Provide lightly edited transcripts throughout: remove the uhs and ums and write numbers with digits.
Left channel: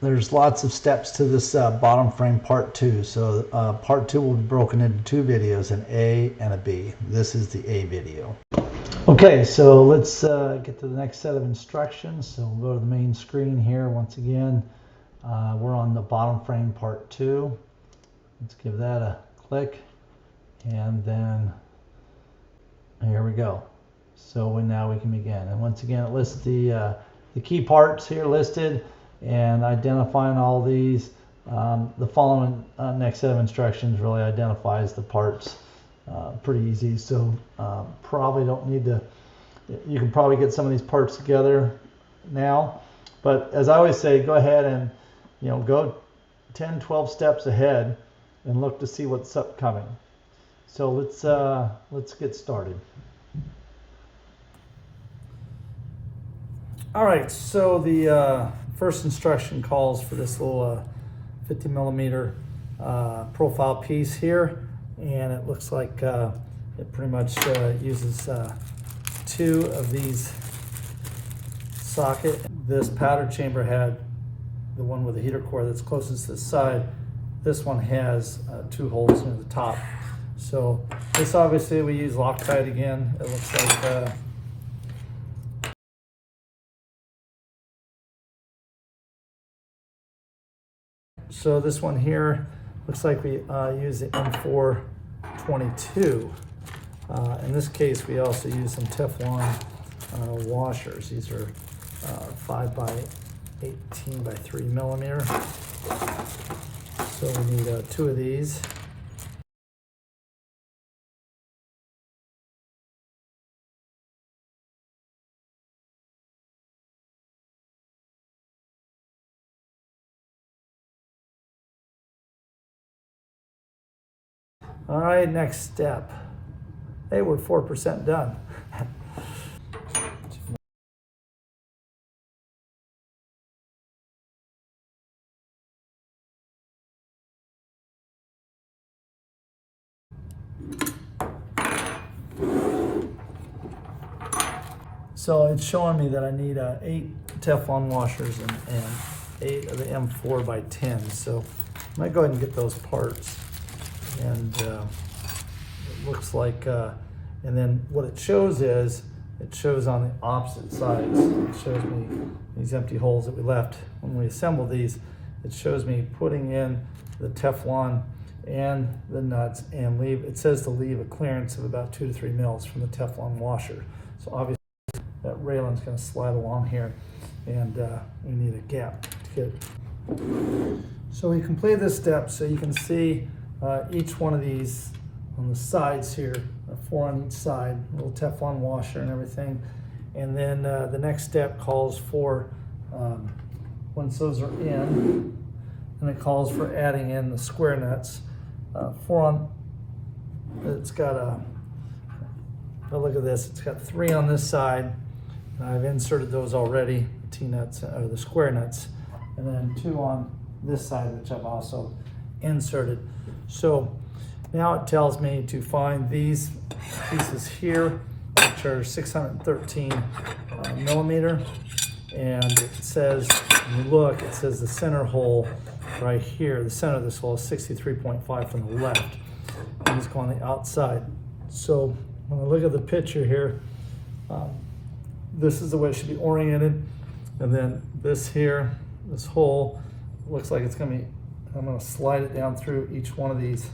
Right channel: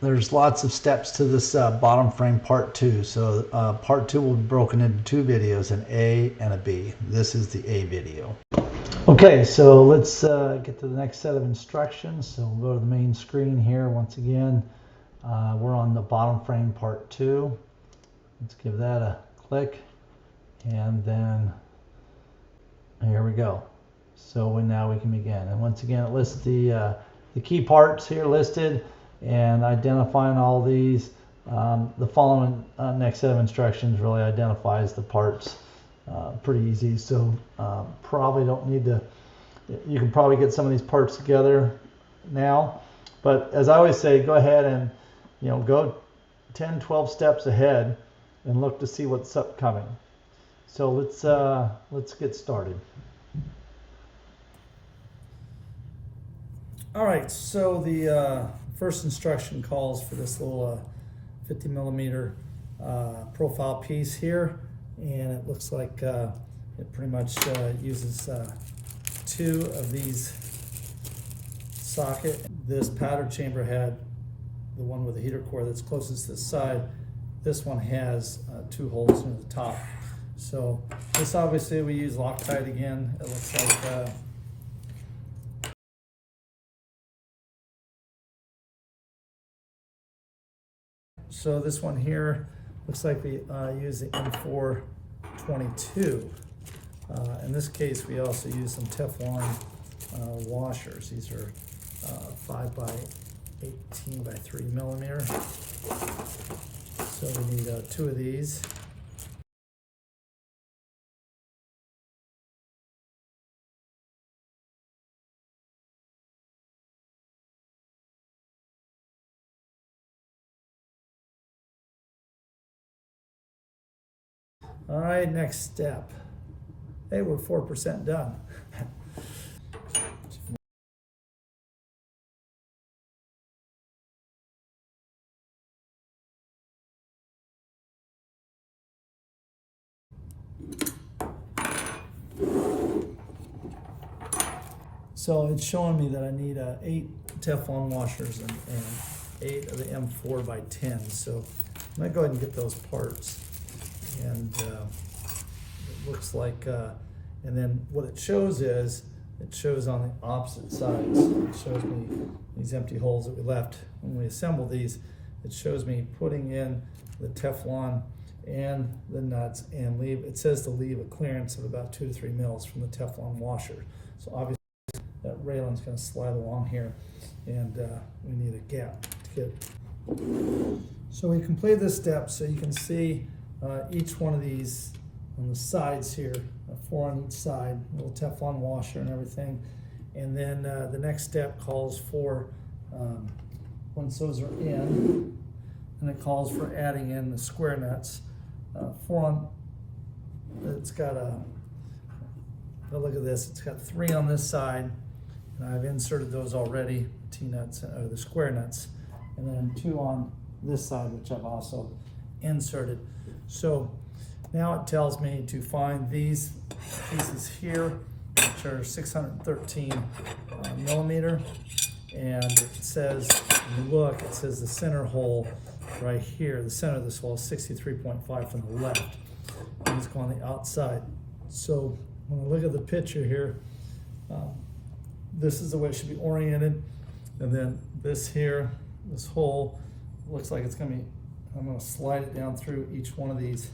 there's lots of steps to this bottom frame part 2. So part 2 will be broken into 2 videos, an A and a B. This is the A video. Okay, so let's get to the next set of instructions. So we'll go to the main screen here once again. We're on the bottom frame part 2. Let's give that a click, and then here we go. So now we can begin. And once again, it lists the key parts here listed, and identifying all these. The following next set of instructions really identifies the parts pretty easy. So probably don't need to, you can probably get some of these parts together now. But as I always say, go ahead and go 10, 12 steps ahead and look to see what's upcoming. So let's get started. All right, so the first instruction calls for this little 50 millimeter profile piece here, and it looks like it pretty much uses 2 of these socket. This powder chamber had the one with the heater core that's closest to the side. This one has 2 holes near the top. So this, obviously we use Loctite again. It looks like so this one here looks like we use the M422. In this case, we also use some Teflon washers. These are 5 by 18 by 3 millimeter. So we need 2 of these. All right, next step. Hey, we're 4% done. So it's showing me that I need 8 Teflon washers and 8 of the M4 by 10. So I might go ahead and get those parts. And it looks like, and then what it shows is, it shows on the opposite sides. It shows me these empty holes that we left when we assembled these. It shows me putting in the Teflon and the nuts, and it says to leave a clearance of about 2 to 3 mils from the Teflon washer. So obviously that railing's going to slide along here, and we need a gap. Good. So we completed this step, so you can see each one of these on the sides here, 4 on each side, a little Teflon washer and everything. And then the next step calls for, once those are in, and it calls for adding in the square nuts. 4 on, it's got look at this, it's got 3 on this side. I've inserted those already, T-nuts, or the square nuts. And then 2 on this side, which I've also inserted. So now it tells me to find these pieces here, which are 613 millimeter. And it says, when you look, it says the center hole right here, the center of this hole is 63.5 from the left. And it's going on the outside. So when I look at the picture here, this is the way it should be oriented. And then this here, this hole, looks like it's going to be, I'm going to slide it down through each one of these.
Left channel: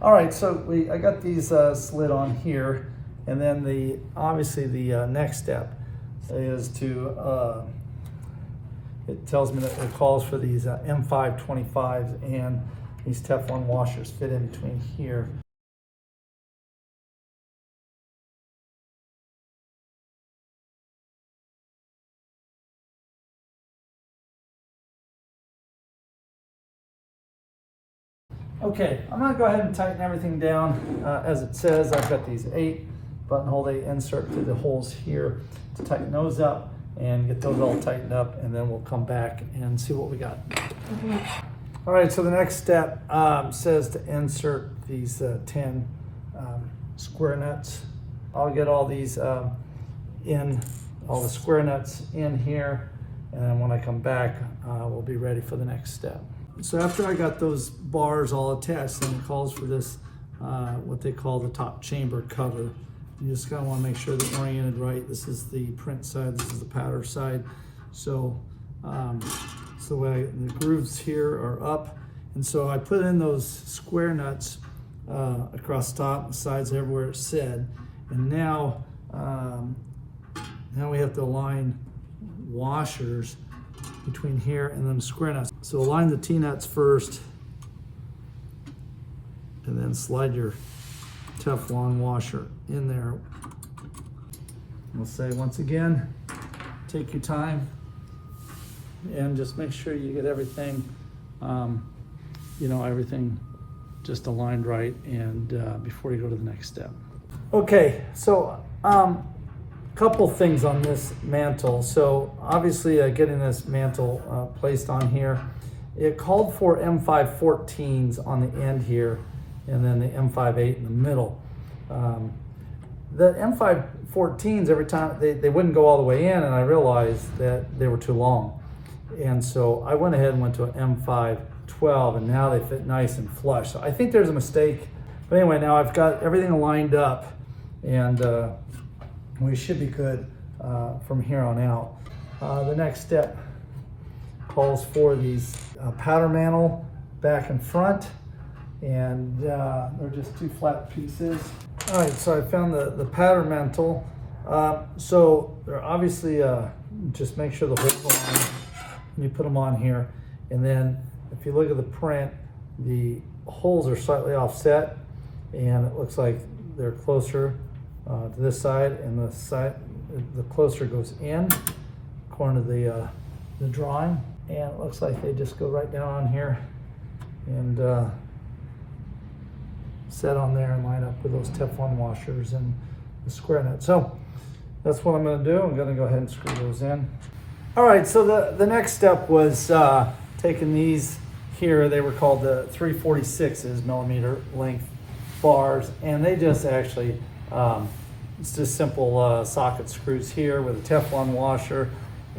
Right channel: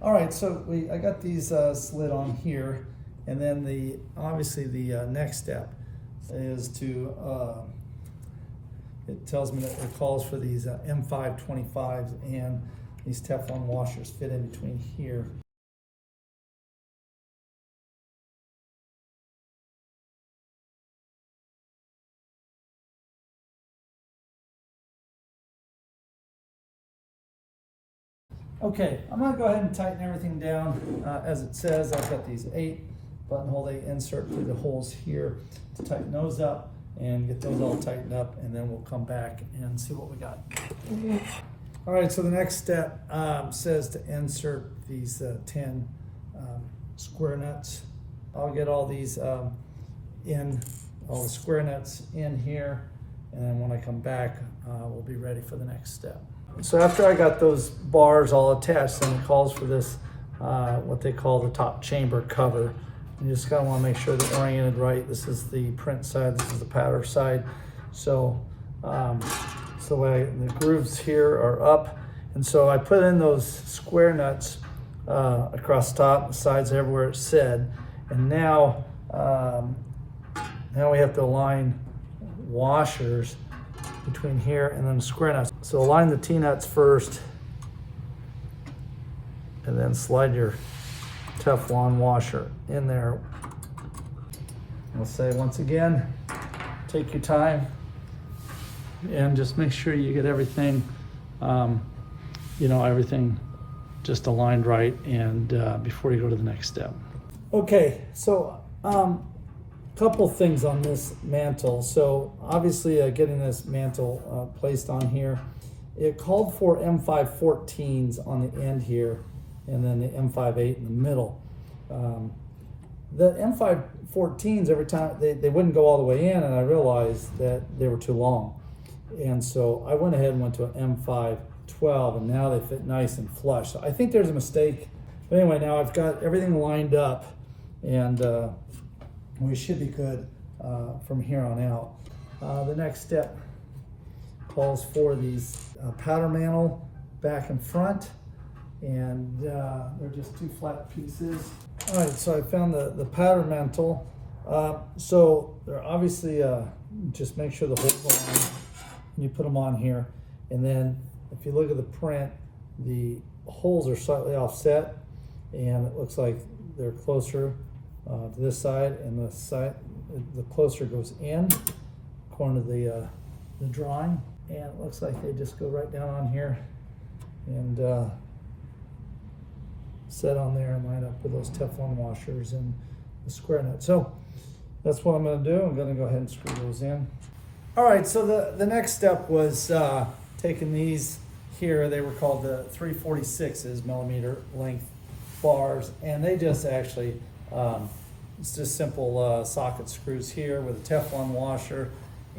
All right, so I got these slid on here, and then obviously the next step is to, it tells me that it calls for these M525s, and these Teflon washers fit in between here. Okay, I'm going to go ahead and tighten everything down as it says. I've got these 8 buttonhole they insert through the holes here to tighten those up and get those all tightened up, and then we'll come back and see what we got. All right, so the next step says to insert these 10 square nuts. I'll get all these all the square nuts in here, and then when I come back, we'll be ready for the next step. So after I got those bars all attached, then it calls for this, what they call the top chamber cover. You just kind of want to make sure they're oriented right. This is the print side, this is the powder side. So, the way the grooves here are up. And so I put in those square nuts across the top, the sides, everywhere it said. And now, now we have to align washers between here and then the square nuts. So align the T-nuts first, and then slide your Teflon washer in there. I'll say once again, take your time and just make sure you get everything, you know, everything just aligned right, and before you go to the next step. Okay, so couple things on this mantle. So obviously getting this mantle placed on here, it called for M514s on the end here, and then the M58 in the middle. The M514s, every time they wouldn't go all the way in, and I realized that they were too long. And so I went ahead and went to an M512, and now they fit nice and flush. So I think there's a mistake. But anyway, now I've got everything lined up, and we should be good from here on out. The next step calls for these powder mantle back and front, and they're just two flat pieces. All right, so I found the powder mantle. So they're obviously, just make sure the holes align when you put them on here. And then if you look at the print, the holes are slightly offset, and it looks like they're closer to this side, and the closer goes in, according to the drawing. And it looks like they just go right down on here and set on there and line up with those Teflon washers and the square nut. So that's what I'm going to do. I'm going to go ahead and screw those in. All right, so the next step was taking these here. They were called the 346s, millimeter length bars, and they just actually, it's just simple socket screws here with a Teflon washer.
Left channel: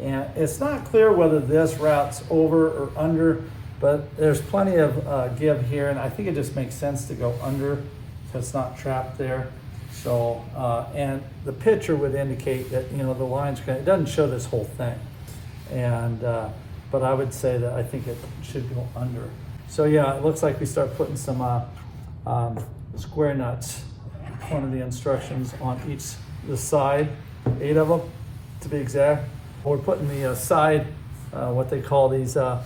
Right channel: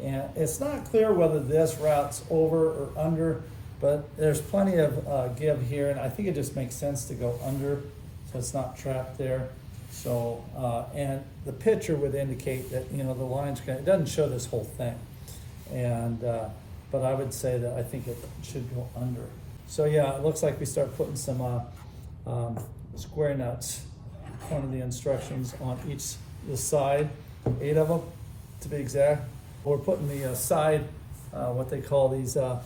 And it's not clear whether this routes over or under, but there's plenty of give here, and I think it just makes sense to go under so it's not trapped there. So, and the picture would indicate that, you know, the lines are it doesn't show this whole thing. And, but I would say that I think it should go under. So yeah, it looks like we start putting some square nuts, one of the instructions on the side, 8 of them to be exact. We're putting the side, what they call these, the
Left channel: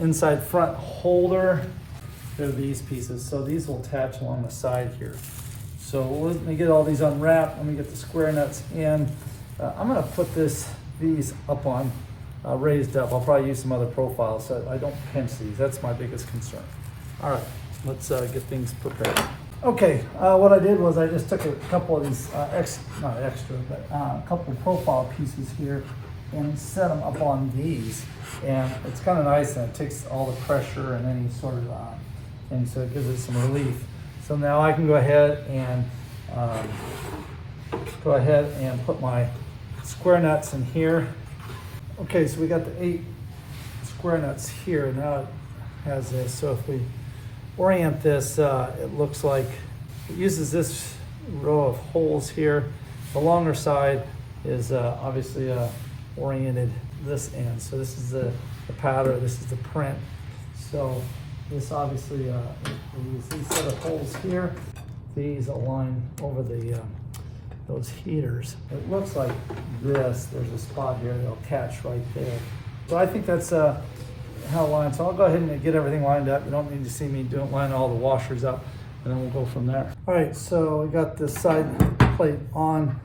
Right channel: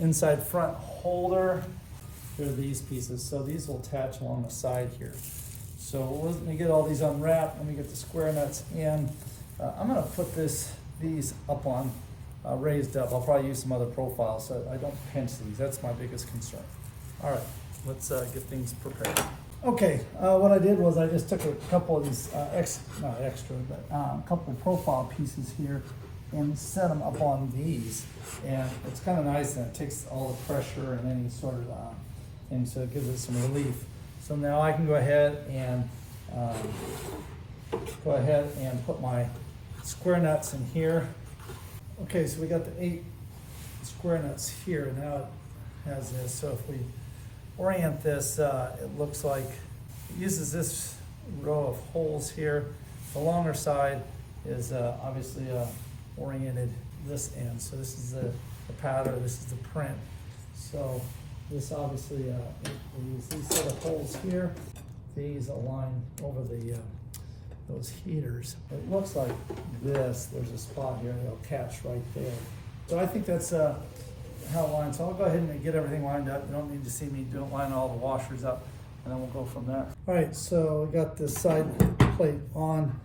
inside front holder. They're these pieces. So these will attach along the side here. So let me get all these unwrapped. Let me get the square nuts in. I'm gonna put these up on raised up. I'll probably use some other profiles so I don't pinch these. That's my biggest concern. All right, let's get things prepared. Okay, what I did was I just took a couple of these, not extra, but a couple of profile pieces here and set them up on these. And it's kind of nice, and it takes all the pressure and any sort of thing, so it gives it some relief. So now I can go ahead and put my square nuts in here. Okay, so we got the 8 square nuts here. Now it has this. So if we orient this, it looks like it uses this row of holes here. The longer side is obviously oriented this end. So this is the powder, this is the print. So this obviously, we use these set of holes here. These align over the those heaters. It looks like this. There's a spot here that'll catch right there. So I think that's how it lines. So I'll go ahead and get everything lined up. You don't need to see me line all the washers up, and then we'll go from there. All right, so we got this side plate on.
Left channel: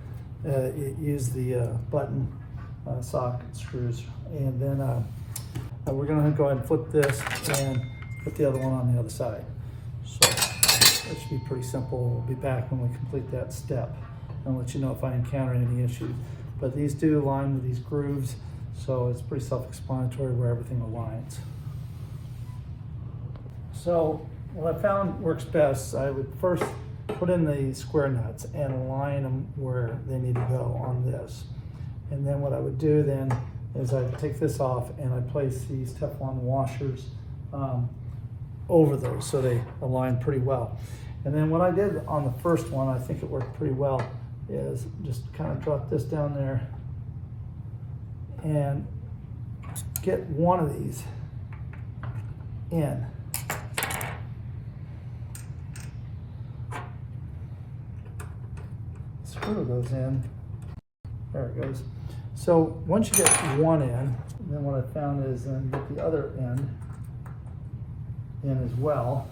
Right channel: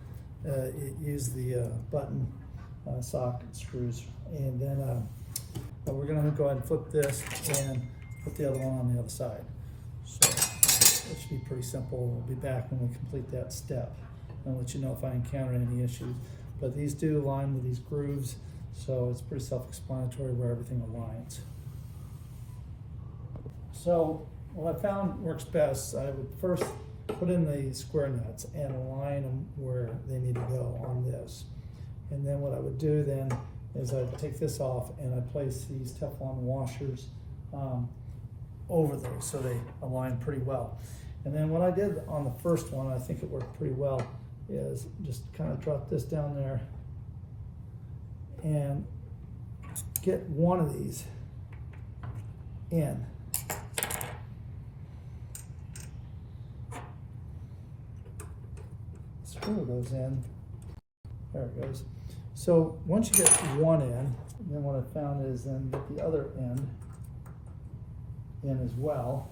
Use the button socket screws, and then we're gonna go ahead and flip this and put the other one on the other side. So it should be pretty simple. We'll be back when we complete that step and let you know if I encounter any issues. But these do align with these grooves, so it's pretty self-explanatory where everything aligns. So what I found works best, I would first put in the square nuts and align them where they need to go on this. And then what I would do then is I take this off and I place these Teflon washers over those so they align pretty well. And then what I did on the first one, I think it worked pretty well, is just kind of drop this down there and get one of these in. Screw those in. There it goes. So once you get one in, then what I found is then get the other end in as well.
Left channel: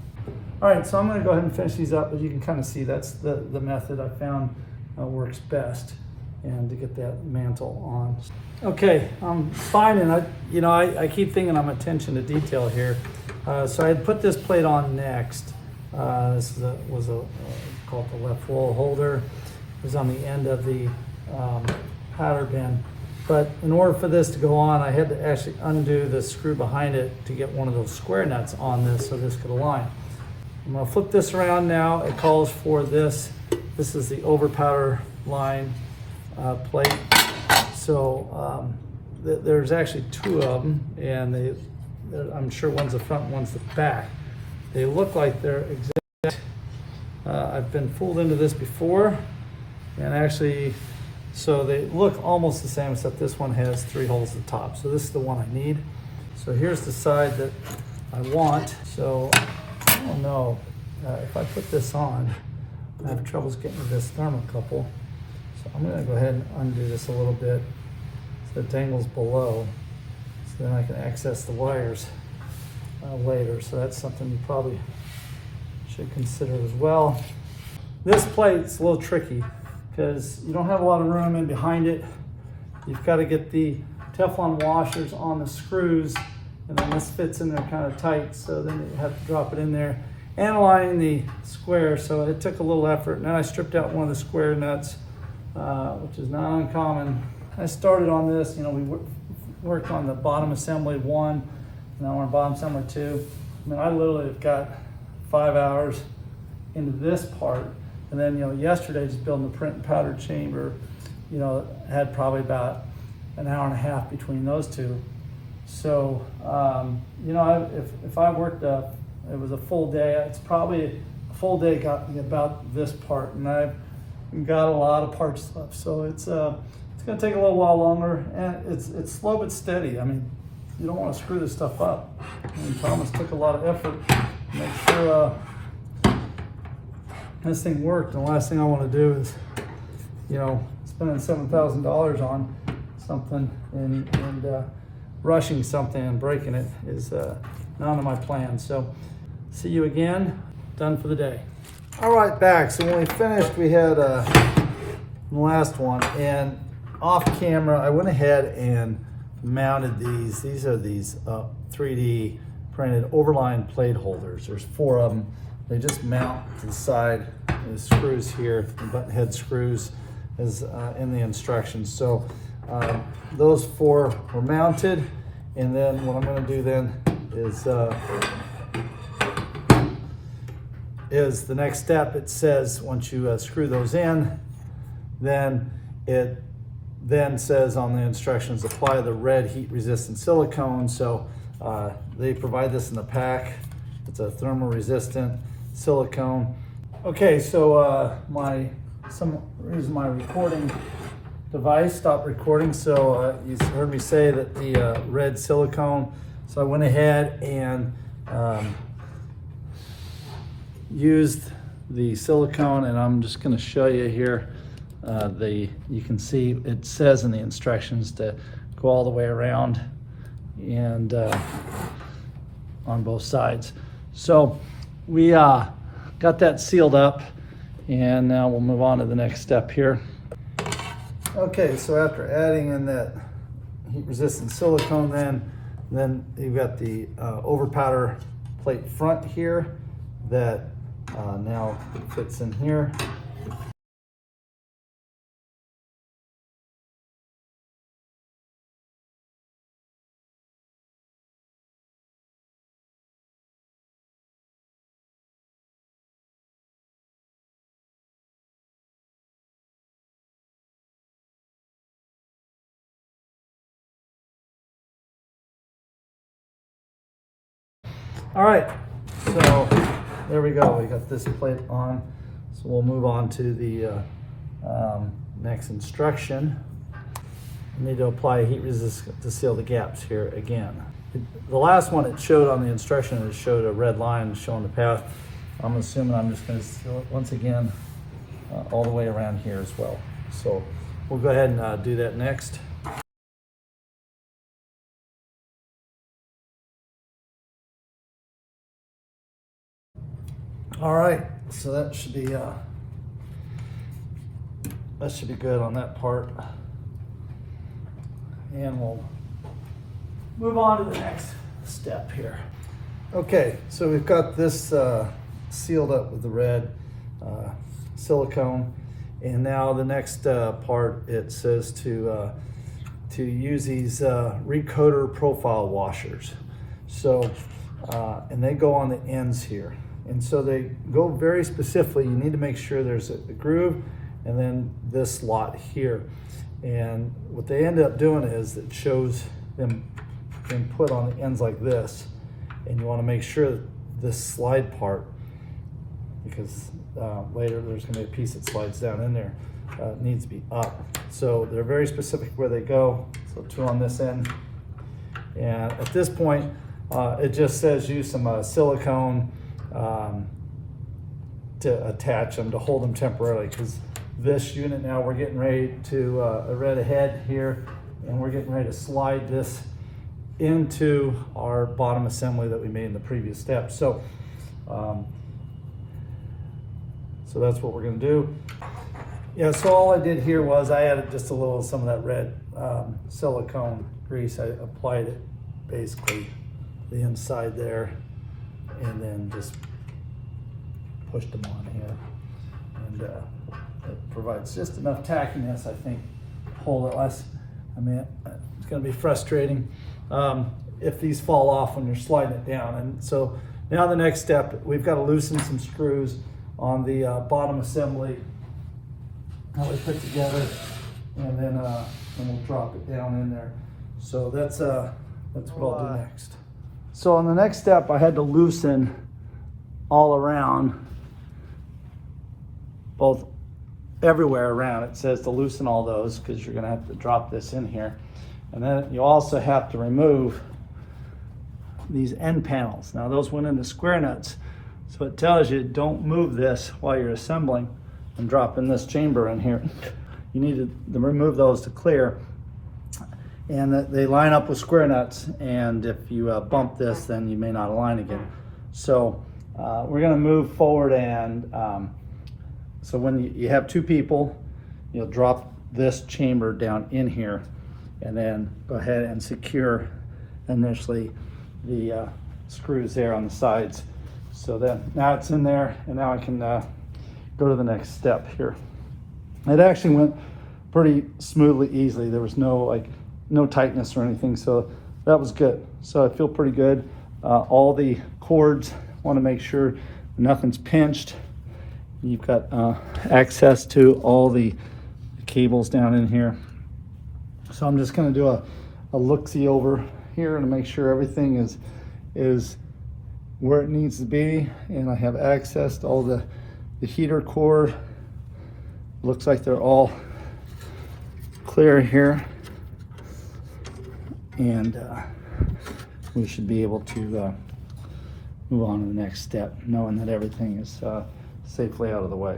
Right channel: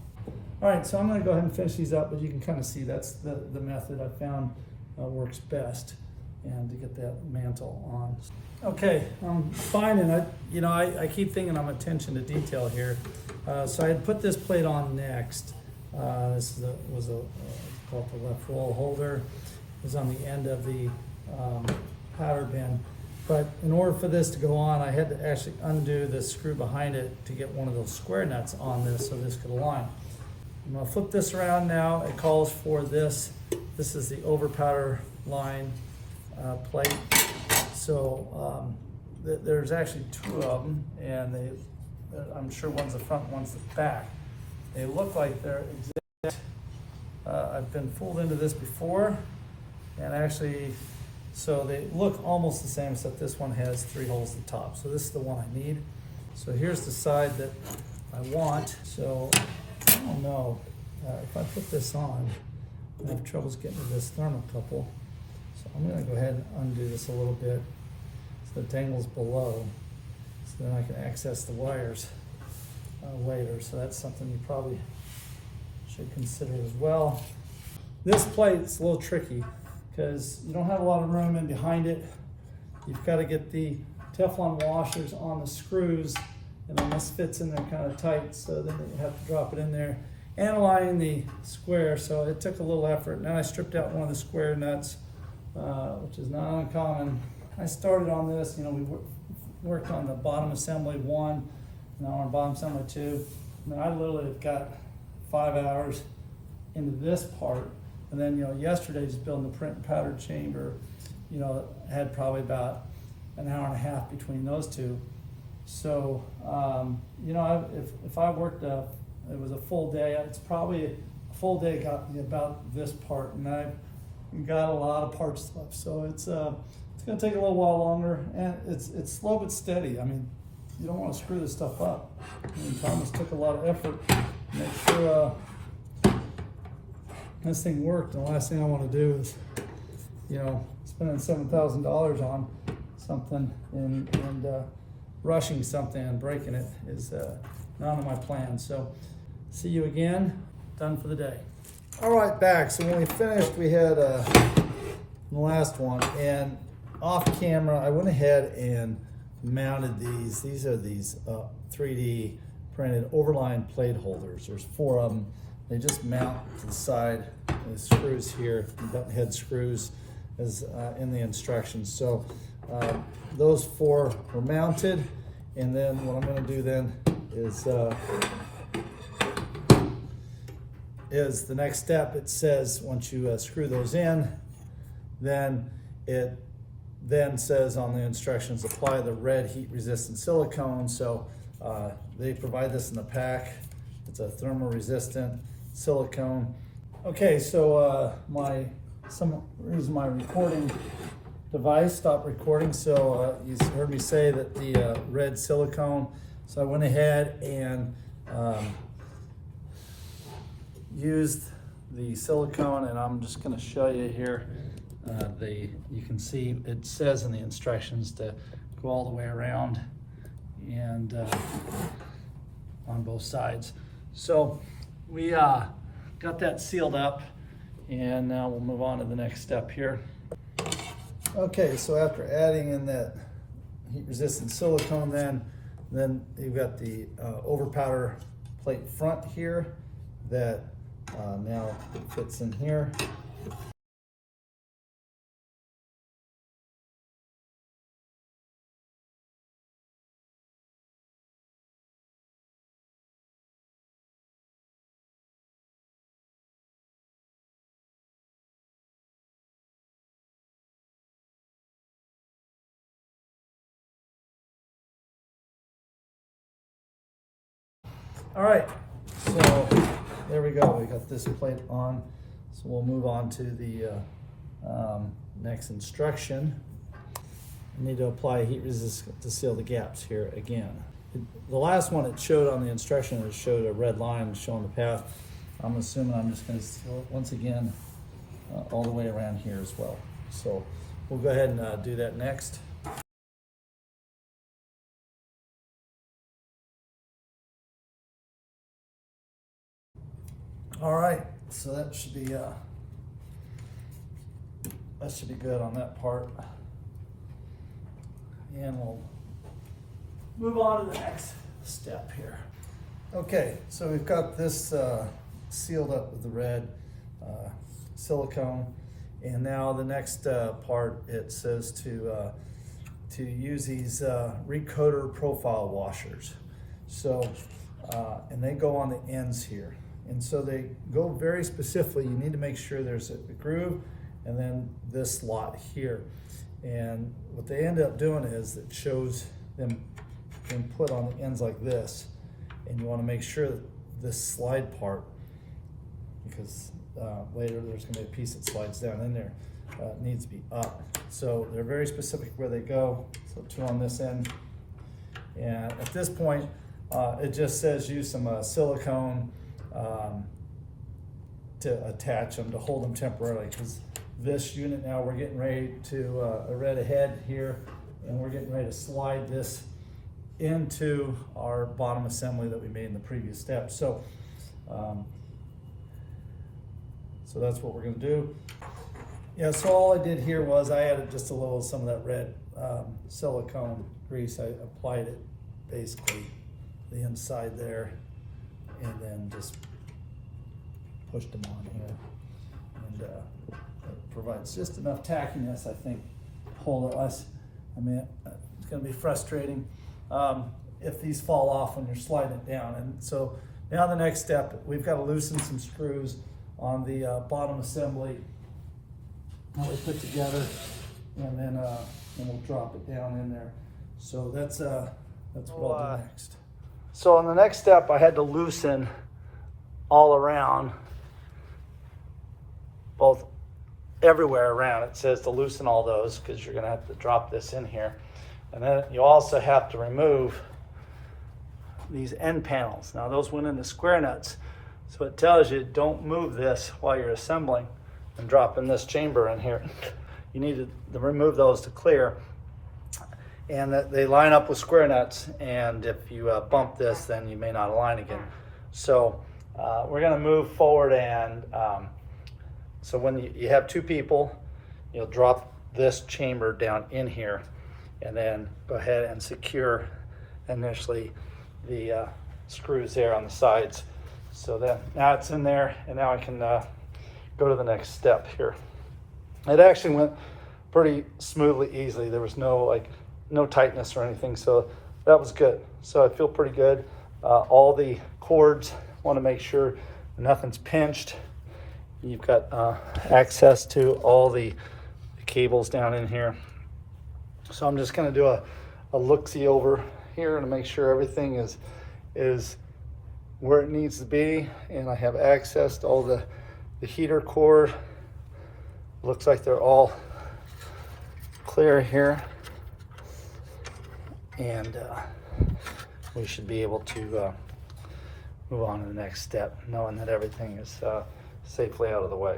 All right, so I'm going to go ahead and finish these up, but you can kind of see that's the method I found works best, and to get that mantle on. Okay, I'm finding, I keep thinking I'm attention to detail here. So I had put this plate on next. This was called the left roll holder. It was on the end of the powder bin. But in order for this to go on, I had to actually undo the screw behind it to get one of those square nuts on this so this could align. I'm going to flip this around now. It calls for this. This is the Overpower line plate. So there's actually two of them, and I'm sure one's the front, one's the back. They look like they're exact. I've been fooled into this before, and actually, so they look almost the same, except this one has 3 holes at the top. So this is the one I need. So here's the side that I want. So I don't know, if I put this on, I have troubles getting to this thermocouple. So I'm gonna go ahead and undo this a little bit so it dangles below, so then I can access the wires later. So that's something you probably should consider as well. This plate's a little tricky because you don't have a lot of room in behind it. You've got to get the Teflon washers on the screws, and then this fits in there kind of tight, so then you have to drop it in there and align the square. So it took a little effort, and then I stripped out one of the square nuts, which is not uncommon. I started on this, we worked on the bottom assembly 1, now we're on bottom assembly 2. I mean, I literally have got 5 hours into this part. And then, yesterday just building the print and powder chamber, had probably about an hour and a half between those two. So, if I worked it was a full day, it's probably a full day got me about this part, and I've got a lot of parts left. So it's gonna take a little while longer, and it's slow but steady. I mean, you don't want to screw this stuff up. I mean, Thomas took a lot of effort to make sure this thing worked, and the last thing I want to do is, spending $7,000 on something and rushing something and breaking it is not on my plan. So, see you again. Done for the day. All right, back. So when we finished, we had the last one, and off camera, I went ahead and mounted these. These are these 3D printed overline plate holders. There's 4 of them. They just mount to the side. The screws here, the button head screws, is in the instructions. So those 4 were mounted, and then what I'm going to do then is the next step. It says once you screw those in, then it then says on the instructions, apply the red heat resistant silicone. So they provide this in the pack. It's a thermal resistant silicone. Okay, so some reason my recording device stopped recording, so you heard me say that the red silicone. So I went ahead and used the silicone, and I'm just going to show you here. You can see it says in the instructions to go all the way around and on both sides. So we got that sealed up, and now we'll move on to the next step here. Okay, so after adding in that heat resistant silicone, then you've got the Overpower plate front here that now fits in here. All right, so there we go. We got this plate on. So we'll move on to the next instruction. We need to apply a heat resistant to seal the gaps here again. The last one it showed on the instruction, it showed a red line showing the path. I'm assuming I'm just going to seal it once again all the way around here as well. So we'll go ahead and do that next. All right, so that should be good on that part. And we'll move on to the next step here. Okay, so we've got this sealed up with the red silicone, and now the next part, it says to use these recoder profile washers. So and they go on the ends here, and so they go very specifically. You need to make sure there's a groove and then this slot here. And what they end up doing is it shows them being put on the ends like this, and you want to make sure that this slide part, because later there's going to be a piece that slides down in there, needs to be up. So they're very specific where they go. So 2 on this end, and at this point it just says use some silicone to attach them, to hold them temporarily, because this unit now we're getting ready to red ahead here, and we're getting ready to slide this into our bottom assembly that we made in the previous step. So so that's what we're going to do. Yeah, so all I did here was I added just a little some of that red silicone grease. I applied it basically the inside there, and then just pushed them on here, and it provides just enough tackiness, I think, to hold it less. I mean, it's going to be frustrating if these fall off when you're sliding it down. And so now the next step, we've got to loosen some screws on the bottom assembly that we put together, and then we'll drop it down in there. So that's what I'll do next. So on the next step, I had to loosen all around, both everywhere around. It says to loosen all those, because you're going to have to drop this in here. And then you also have to remove these end panels. Now those went into square nuts, so it tells you don't move this while you're assembling and dropping this chamber in here. You need to remove those to clear, and they line up with square nuts, and if you bump this, then you may not align again. So we're going to move forward, and so when you have 2 people, you'll drop this chamber down in here, and then go ahead and secure initially the screws there on the sides. So then now it's in there, and now I can go to the next step here. It actually went pretty smoothly, easily. There was no tightness or anything, so that was good. So I feel pretty good. All the cords, want to make sure nothing's pinched. You've got access to all the cables down in here. So I'm just going to do a look-see over here to make sure everything is where it needs to be, and I have access to all the heater cord. Looks like they're all clear here, and we should be able to move on to the next step, knowing that everything is safely out of the way.